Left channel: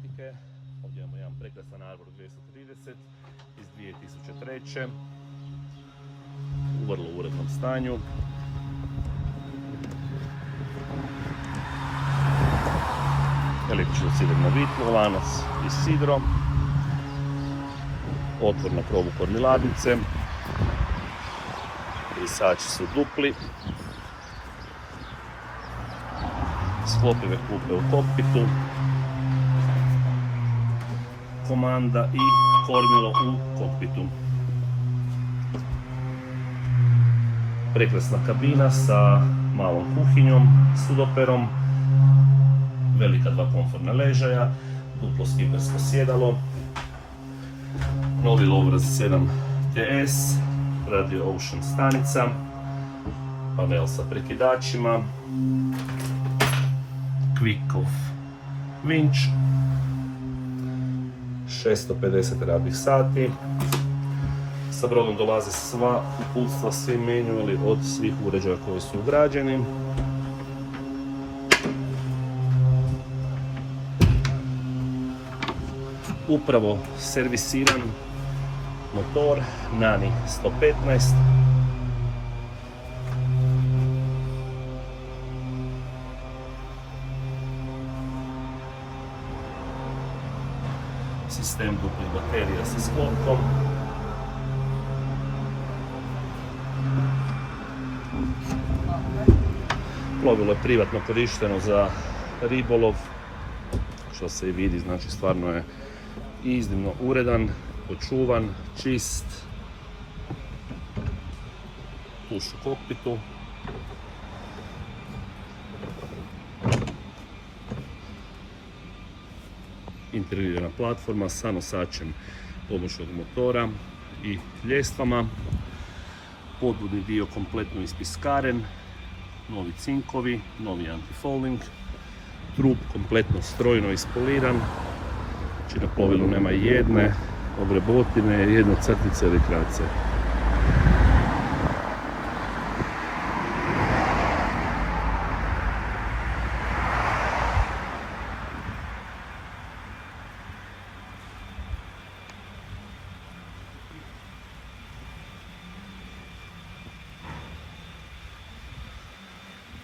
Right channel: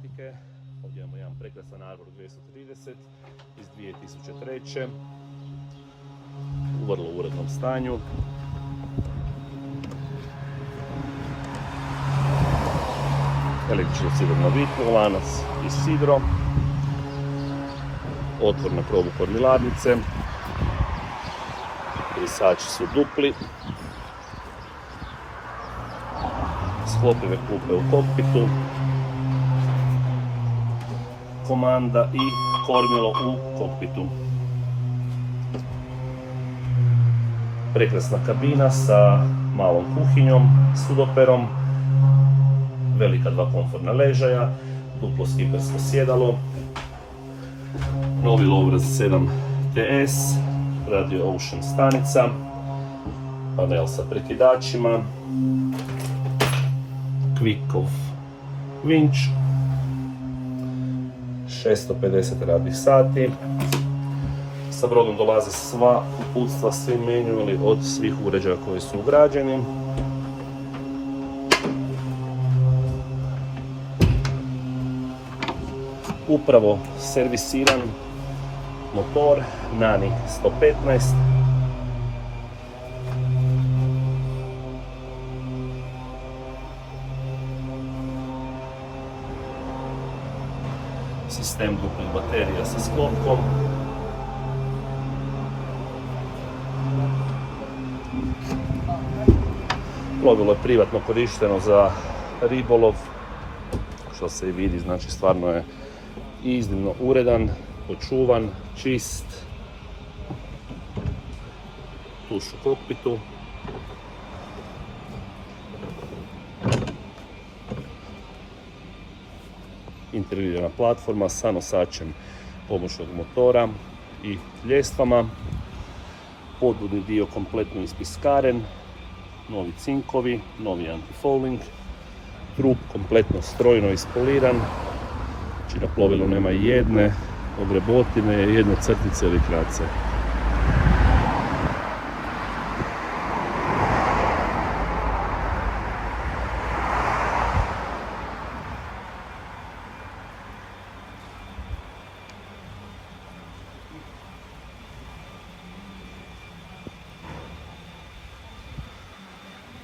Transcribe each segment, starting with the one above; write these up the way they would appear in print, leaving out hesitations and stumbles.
Baltike. Ovdje imamo jedan prekrasan Arbor 230 iz 2003. U vrlo urednom stanju. Električno sidro na vitlu, lanac i sidro. Otvor na krovu kormiladnice. Brisači su dupli. Sklopive klupe u kokpitu. Komanda i kormilo u kokpitu. Prekrasna kabina sa malom kuhinjom, sudoperom. Velika dva komfortna ležaja, duplo skipersko sjedalo. Novi Louvre 7 TS, Radio Ocean stanica, panel sa prekidačima, Quick off vinč, 650 radnih sati. Sa brodom dolaze sva uputstva, svi manuali od svih uređaja koji su ugrađeni. Upravo servisiran motor Nani 115. Sistem duplih baterija sa sklopkom. Plovilo je privatno korišteno za ribolov, što se i vidi, znači stvarno je iznimno uredan, očuvan, čist. Tuš u kokpitu. Integrirana platforma sa nosačem pomoćnog motora i ljestvama. Podvodni dio kompletno ispiskaren, novi cinkovi, novi anti-fouling, trup kompletno strojno ispoliran. Znači na plovilu nema jedne ogrebotine, jedne crtice ili krace.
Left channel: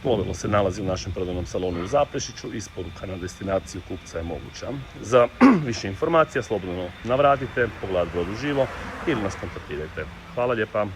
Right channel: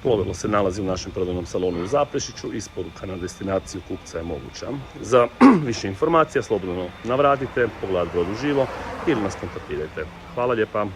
Plovilo se nalazi u našem prodajnom salonu u Zaprešiću, isporuka na destinaciju kupca je moguća. Za više informacija slobodno navratite, pogledajte brod uživo ili nas kontaktirajte. Hvala lijepa!